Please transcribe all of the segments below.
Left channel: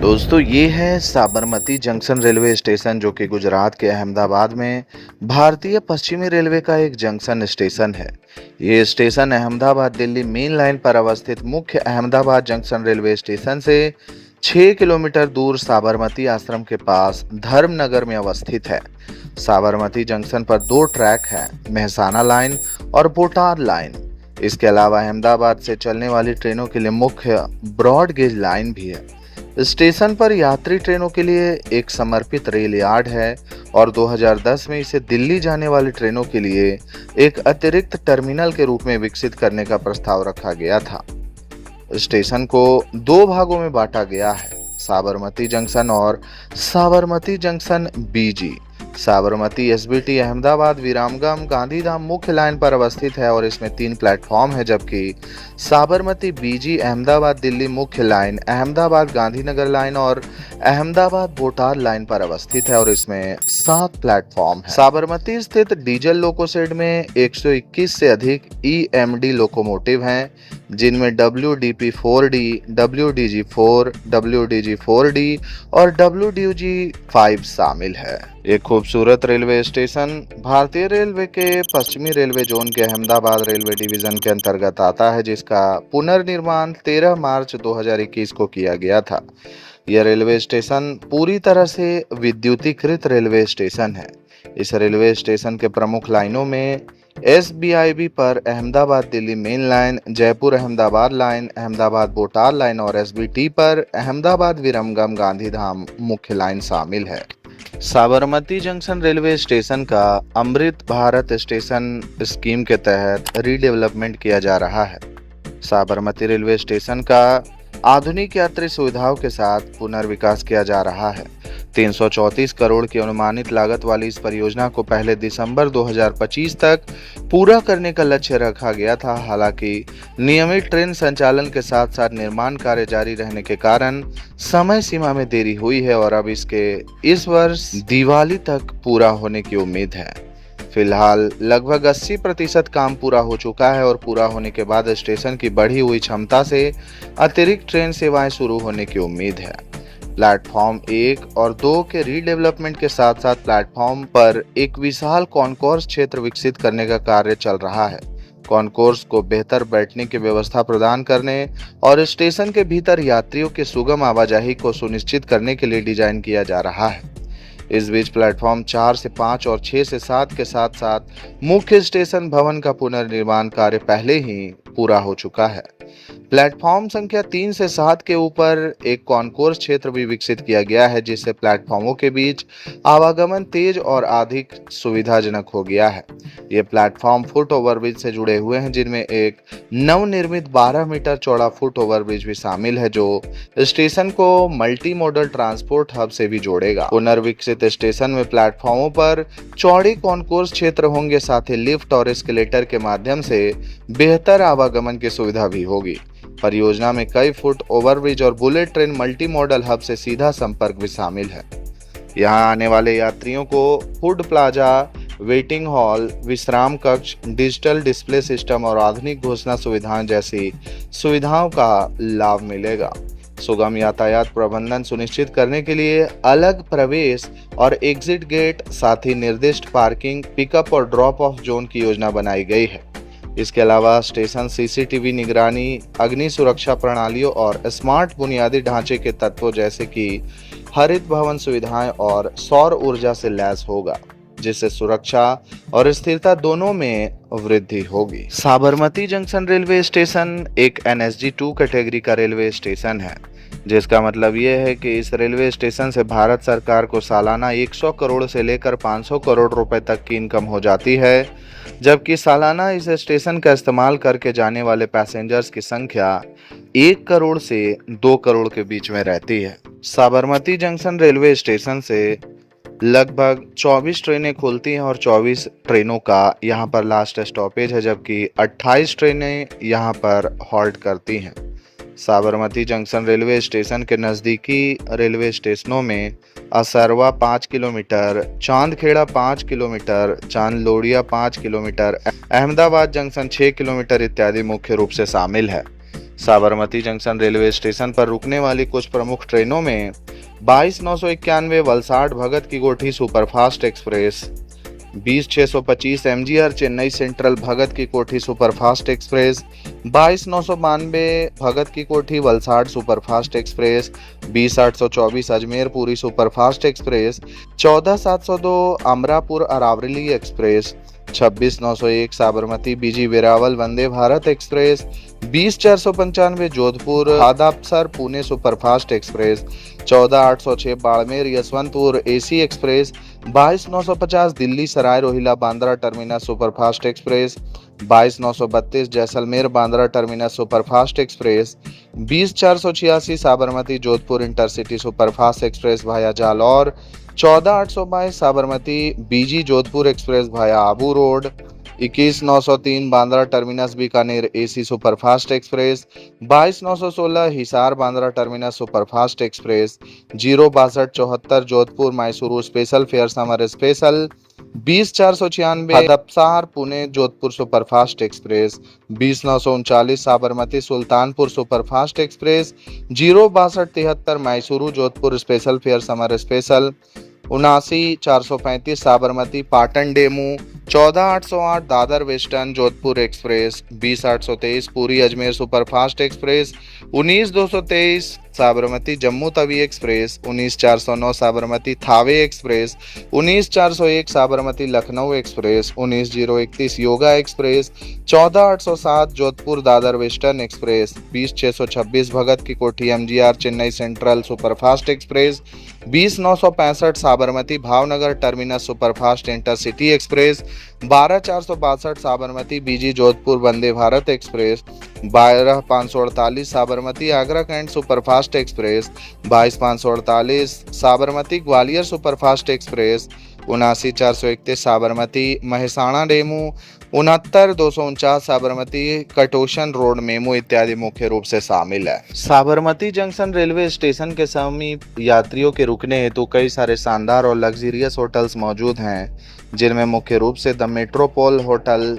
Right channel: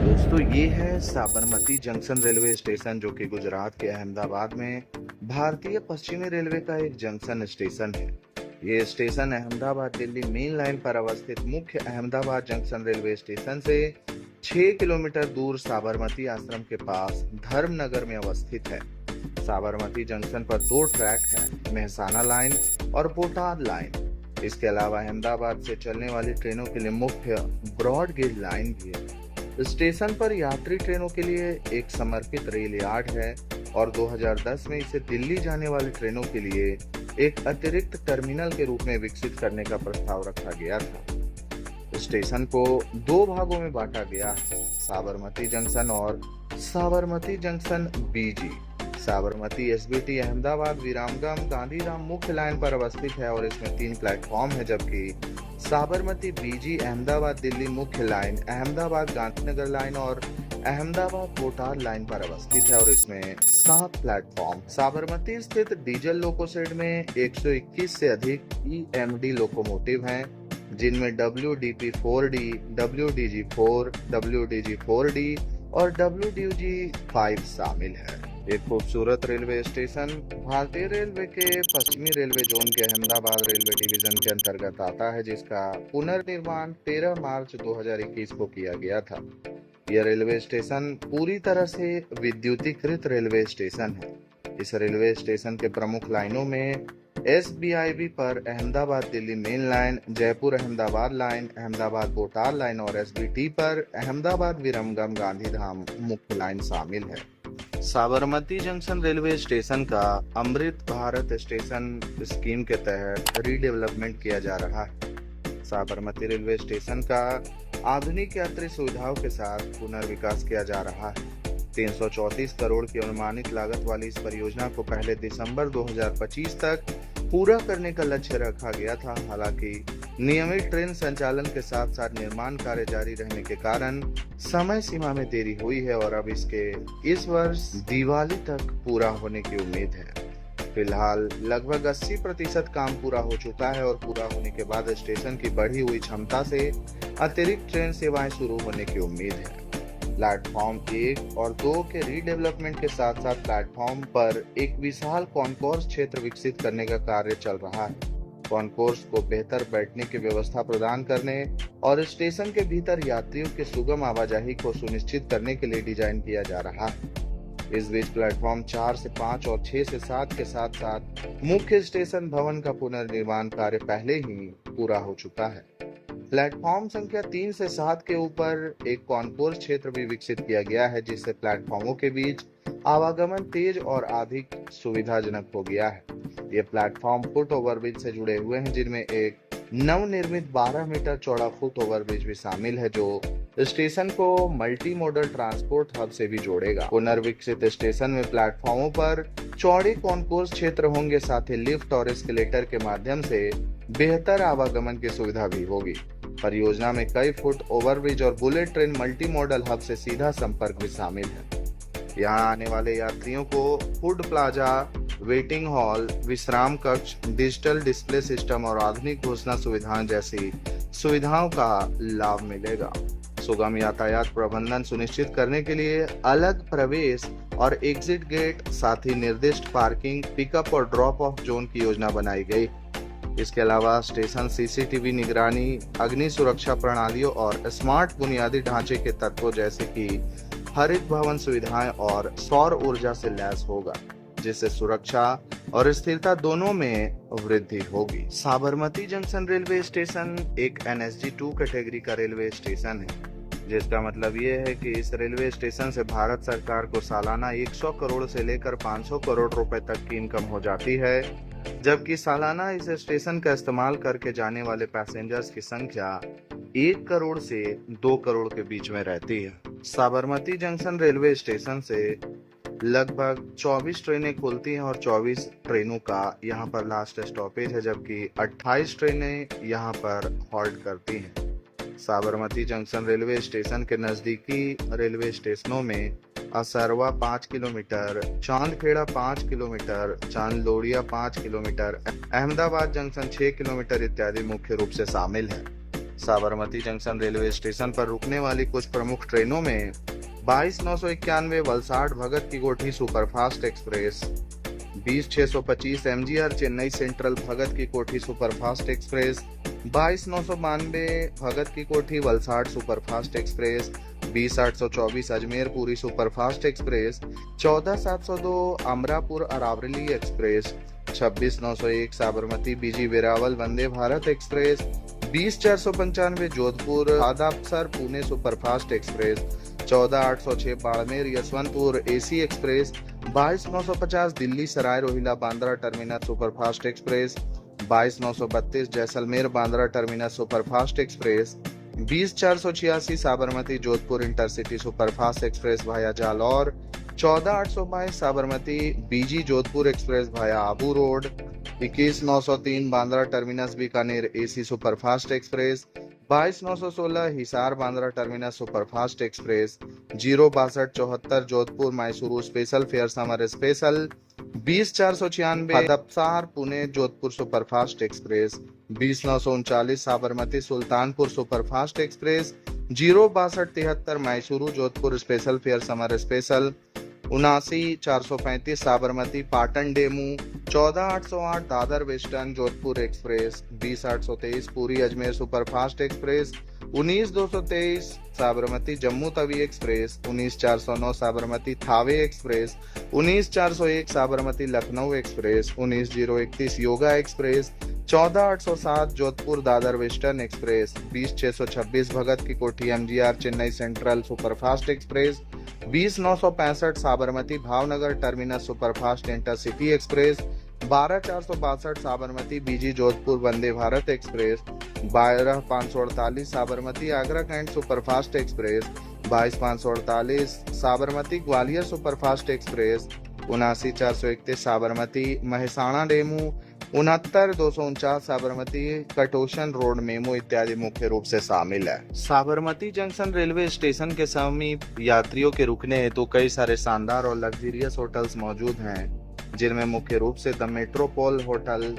दोस्तों ये है साबरमती जंक्शन रेलवे स्टेशन जो कि गुजरात के अहमदाबाद में भारतीय पश्चिमी रेलवे का एक जंक्शन स्टेशन है। ये station Ahmedabad Delhi main line पर अवस्थित मुख्य अहमदाबाद जंक्शन रेलवे स्टेशन से 6 किलोमीटर दूर साबरमती आश्रम के पास धर्मनगर में अवस्थित है। साबरमती जंक्शन पर 2 ट्रैक हैं, मेहसाना लाइन और बोटार लाइन। इसके अलावा अहमदाबाद से चलने वाली ट्रेनों के लिए मुख्य ब्रॉड गेज लाइन भी है। स्टेशन पर यात्री ट्रेनों के लिए एक समर्पित रेल यार्ड है और 2010 में इसे दिल्ली जाने वाली ट्रेनों के लिए एक अतिरिक्त टर्मिनल के रूप में विकसित करने का प्रस्ताव रखा गया था। स्टेशन को 2 भागों में बांटा गया है, साबरमती जंक्शन और साबरमती जंक्शन बीजी। साबरमती एसबीटी अहमदाबाद विरामगम गांधीधाम मुख्य लाइन पर अवस्थित है और इसमें 3 प्लेटफॉर्म है, जबकि साबरमती बीजी अहमदाबाद दिल्ली मुख्य लाइन, अहमदाबाद गांधीनगर लाइन और अहमदाबाद बोटार लाइन पर अवस्थित है और इसमें 7 प्लेटफॉर्म है। साबरमती स्थित डीजल लोको शेड में 121 से अधिक ईएमडी लोकोमोटिव हैं, जिनमें WDP-4D, WDG-4, WDG-4D और WDG-5 शामिल है। एक खूबसूरत रेलवे स्टेशन भारतीय रेलवे के पश्चिमी रेलवे जोन के अहमदाबाद रेलवे डिवीजन के अंतर्गत आता है, जिसका पुनर्निर्माण 13 मार्च 2021 को किया गया था। यह रेलवे स्टेशन पूरी तरह से विद्युतीकृत रेलवे स्टेशन है। इस रेलवे स्टेशन के प्रमुख लाइनों में SBIB पर Ahmedabad Delhi main line, Jaipur Ahmedabad line, Ahmedabad Botad line और SBT पर अहमदाबाद विरमगम गांधीधाम मुख्य लाइन शामिल है। साबरमती जंक्शन रेलवे स्टेशन का अमृत भारत स्टेशन स्कीम के तहत रीडेवलपमेंट किया जा रहा है। साबरमती रेलवे स्टेशन का आधुनिक यात्री सुविधाओं के साथ पुनर्विकास किया जा रहा है। 334 करोड़ की अनुमानित लागत वाली इस परियोजना को पहले दिसंबर 2025 तक पूरा करने का लक्ष्य रखा गया था। हालांकि नियमित ट्रेन संचालन के साथ साथ निर्माण कार्य जारी रहने के कारण समय सीमा में देरी हुई है और अब इसके इस वर्ष दिवाली तक पूरा होने की उम्मीद है। फिलहाल लगभग 80% काम पूरा हो चुका है और पूरा होने के बाद स्टेशन की बढ़ी हुई क्षमता से अतिरिक्त ट्रेन सेवाएं शुरू होने की उम्मीद है। प्लेटफॉर्म 1 और 2 के रीडेवलपमेंट के साथ साथ प्लेटफॉर्म पर एक विशाल कॉन्कोर्स क्षेत्र विकसित करने का कार्य चल रहा है। कॉन्कोर्स को बेहतर बैठने की व्यवस्था प्रदान करने और स्टेशन के भीतर यात्रियों के सुगम आवाजाही को सुनिश्चित करने के लिए डिजाइन किया जा रहा है। इस बीच प्लेटफॉर्म 4 से 5 और 6 से 7 के साथ साथ मुख्य स्टेशन भवन का पुनर्निर्माण कार्य पहले ही पूरा हो चुका है। प्लेटफॉर्म संख्या 3 से 7 के ऊपर एक कॉन्कोर्स क्षेत्र भी विकसित किया गया है, जिससे प्लेटफॉर्मों के बीच आवागमन तेज और अधिक सुविधाजनक हो गया है। ये प्लेटफॉर्म फुट ओवरब्रिज से जुड़े हुए हैं, जिनमें एक नवनिर्मित 12 मीटर चौड़ा फुट ओवरब्रिज भी शामिल है, जो स्टेशन को मल्टी मॉडल ट्रांसपोर्ट हब से भी जोड़ेगा। पुनर्विकसित स्टेशन में प्लेटफॉर्मों पर चौड़ी कॉन्कोर्स क्षेत्र होंगे, साथ ही लिफ्ट और एस्केलेटर के माध्यम से बेहतर आवागमन की सुविधा भी होगी। परियोजना में कई फुट ओवरब्रिज और bullet train multi modal hub से सीधा संपर्क भी शामिल है। यहां आने वाले यात्रियों को फूड प्लाजा, वेटिंग हॉल, विश्राम कक्ष, डिजिटल डिस्प्ले सिस्टम और आधुनिक घोषणा सुविधाएं जैसी सुविधाओं का लाभ मिलेगा। सुगम यातायात प्रबंधन सुनिश्चित करने के लिए अलग प्रवेश और एग्जिट गेट, साथ ही निर्दिष्ट पार्किंग, पिकअप और ड्रॉप ऑफ जोन की योजना बनाई गई है। इसके अलावा स्टेशन CCTV निगरानी, अग्नि सुरक्षा प्रणालियों और स्मार्ट बुनियादी ढांचे के तत्वों जैसे कि हरित भवन सुविधाएं और सौर ऊर्जा से लैस होगा, जिससे सुरक्षा और स्थिरता दोनों में वृद्धि होगी। साबरमती जंक्शन रेलवे स्टेशन एक NSG 2 कैटेगरी का रेलवे स्टेशन है, जिसका मतलब ये है कि इस रेलवे स्टेशन से भारत सरकार को सालाना 100 करोड़ से लेकर 500 करोड़ रुपए तक की इनकम हो जाती है, जबकि सालाना इस स्टेशन का इस्तेमाल करके जाने वाले पैसेंजर्स की संख्या 1 करोड़ से 2 करोड़ के बीच में रहती है। साबरमती जंक्शन रेलवे स्टेशन से लगभग 24 ट्रेनें खुलती हैं और 24 ट्रेनों का यहाँ पर लास्ट स्टॉपेज है, जबकि 28 ट्रेनें यहाँ पर हॉल्ट करती हैं। साबरमती जंक्शन रेलवे स्टेशन के नज़दीकी रेलवे स्टेशनों में Asarwa 5 kilometre, Chandkheda 5 kilometre, Chandlodiya 5 kilometre, Ahmedabad junction 6 kilometre इत्यादि मुख्य रूप से शामिल है। साबरमती जंक्शन रेलवे स्टेशन पर रुकने वाली कुछ प्रमुख ट्रेनों में 22,991 Valsad Bhagat ki Kothi superfast express, 20,625 MGR Chennai central Bhagat ki Kothi superfast express, 22,992 Bhagat ki Kothi Valsad superfast express, 20,824 Ajmer Puri superfast express, 14,702 Amrapur Aravali express, 26,901 Sabarmati BG Veraval Vande Bharat express, 20,495 Jodhpur Hadapsar Pune superfast express, 14,806 Barmer Yesvantpur AC express, 22,950 Delhi Sarai Rohilla Bandra terminus superfast express, 22,932 Jaisalmer Bandra terminus superfast express, 20,486 Sabarmati Jodhpur intercity superfast express भाया जालौर, 14,822 साबरमती बीजी जोधपुर एक्सप्रेस भाया Abu road, 21,903 Bandra terminus Bikaner AC superfast express, 22,916 Hisar Bandra terminus superfast express, 06274 Jodhpur Mysuru special fare summer special, 20,496 Hadapsar Pune Jodhpur superfast express, 20,939 Sabarmati Sultanpur superfast express, 06273 Mysuru Jodhpur special fare summer special, 79,435 Sabarmati Patan DEMU, 14,808 Dadar western Jodhpur express, 20,823 Puri Ajmer superfast express, 19,223 Sabarmati Jammu Tawi express, 19,409 Sabarmati Thawe express, 19,401 Sabarmati Lucknow express, 19,031 yoga express, 14,807 Jodhpur Dadar western express, 20,626 Bhagat ki Kothi MGR Chennai central superfast express, 20,965 Sabarmati Bhavnagar terminus superfast intercity express, 12,462 Sabarmati BG Jodhpur Vande Bharat express, 12,548 Sabarmati Agra cantt superfast express, 22,548 Sabarmati Gwalior superfast express, 79,431 Sabarmati Mehsana DEMU, 69,249 Sabarmati Katosan road MEMU इत्यादि मुख्य रूप से शामिल है। Sabarmati junction railway station के समीप यात्रियों के रुकने हेतु कई सारे शानदार और लग्जरियस होटल्स मौजूद हैं, जिनमें मुख्य रूप से the Metropole hotel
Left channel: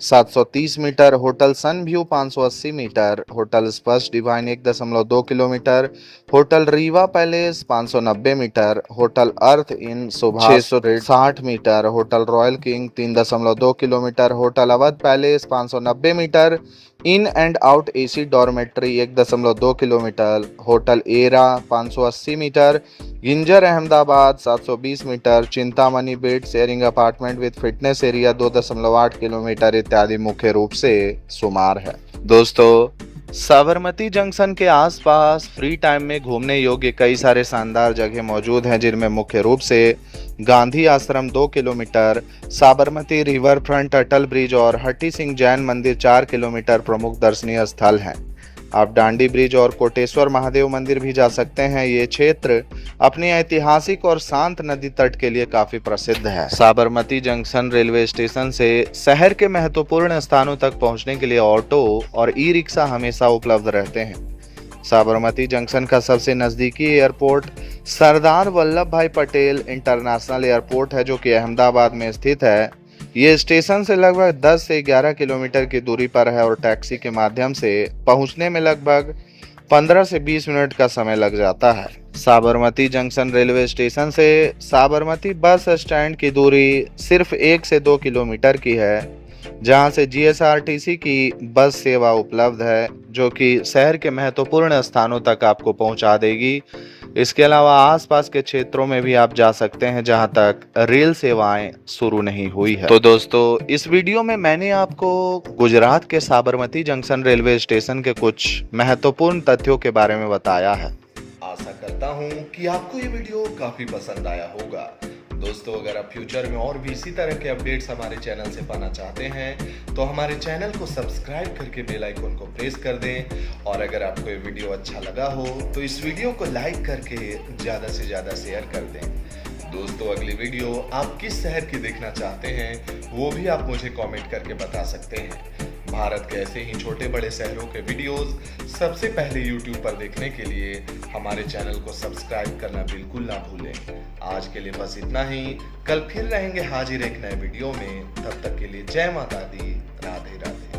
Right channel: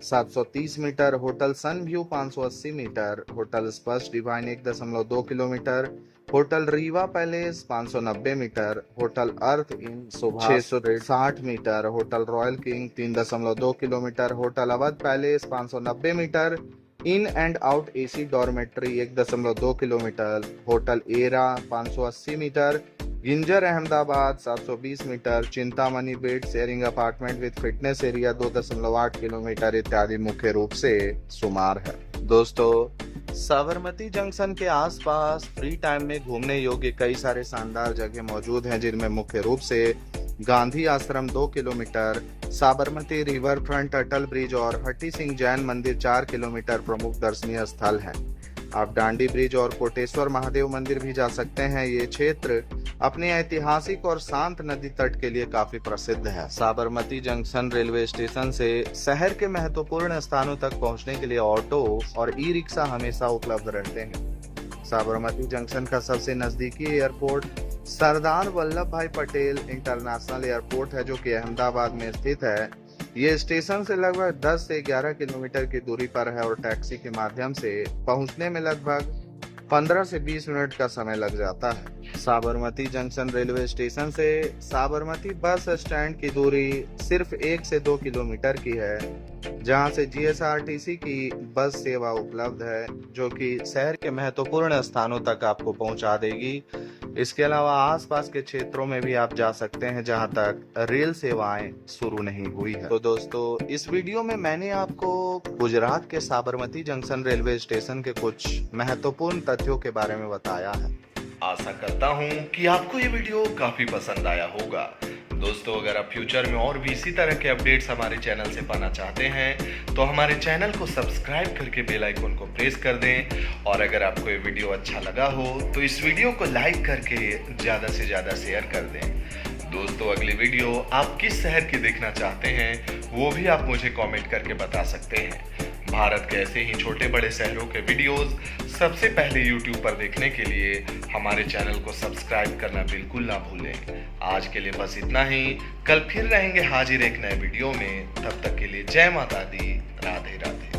730 metre, hotel sun view 580 metre, hotel Sparsh divine 1.2 kilometre, hotel Riva palace 590 metre, hotel earth inn सुबह 660 metre, hotel royal king 3.2 kilometre, hotel Awadh palace 590 metre, in and out AC dormitory 1.2 kilometre, hotel era 580 metre, Ginger Ahmedabad 720 metre, Chintamani bed sharing apartment with fitness area 2.8 kilometre इत्यादि मुख्य रूप से शुमार है। दोस्तों, Sabarmati junction के आसपास फ्री टाइम में घूमने योग्य कई सारे शानदार जगह मौजूद हैं, जिनमें मुख्य रूप से गांधी आश्रम 2 किलोमीटर, साबरमती रिवर फ्रंट अटल ब्रिज और हट्टी सिंह जैन मंदिर 4 किलोमीटर प्रमुख दर्शनीय स्थल हैं। आप डांडी ब्रिज और कोटेश्वर महादेव मंदिर भी जा सकते हैं। ये क्षेत्र अपनी ऐतिहासिक और शांत नदी तट के लिए काफी प्रसिद्ध है। साबरमती जंक्शन रेलवे स्टेशन से शहर के महत्वपूर्ण स्थानों तक पहुंचने के लिए ऑटो और ई रिक्शा हमेशा उपलब्ध रहते हैं। साबरमती जंक्शन का सबसे नजदीकी एयरपोर्ट सरदार वल्लभ भाई पटेल इंटरनेशनल एयरपोर्ट है, जो कि अहमदाबाद में स्थित है। ये स्टेशन से लगभग 10 से 11 किलोमीटर की दूरी पर है और टैक्सी के माध्यम से पहुंचने में लगभग 15 से 20 मिनट का समय लग जाता है। साबरमती जंक्शन रेलवे स्टेशन से साबरमती बस स्टैंड की दूरी सिर्फ 1 से 2 किलोमीटर की है, जहां से जीएसआरटीसी की बस सेवा उपलब्ध है, जो कि शहर के महत्वपूर्ण स्थानों तक आपको पहुंचा देगी। इसके अलावा आसपास के क्षेत्रों में भी आप जा सकते हैं, जहां तक रेल सेवाएं शुरू नहीं हुई है। तो दोस्तों, इस वीडियो में मैंने आपको गुजरात के साबरमती जंक्शन रेलवे स्टेशन के कुछ महत्वपूर्ण तथ्यों के बारे में बताया है। आशा करता हूं कि आपको ये वीडियो काफी पसंद आया होगा। दोस्तों, अगर आप फ्यूचर में और भी इसी तरह के अपडेट्स हमारे चैनल से पाना चाहते हैं तो हमारे चैनल को सब्सक्राइब करके बेल आइकन को प्रेस कर दें, और अगर आपको ये वीडियो अच्छा लगा हो तो इस वीडियो को लाइक करके ज़्यादा से ज़्यादा शेयर कर दें। दोस्तों, अगली वीडियो आप किस शहर की देखना चाहते हैं वो भी आप मुझे कमेंट करके बता सकते हैं। भारत के ऐसे ही छोटे बड़े शहरों के वीडियोस सबसे पहले YouTube पर देखने के लिए हमारे चैनल को सब्सक्राइब करना बिल्कुल ना भूलें। आज के लिए बस इतना ही। कल फिर रहेंगे हाजिर एक नए वीडियो में। तब तक के लिए जय माता दी, राधे राधे।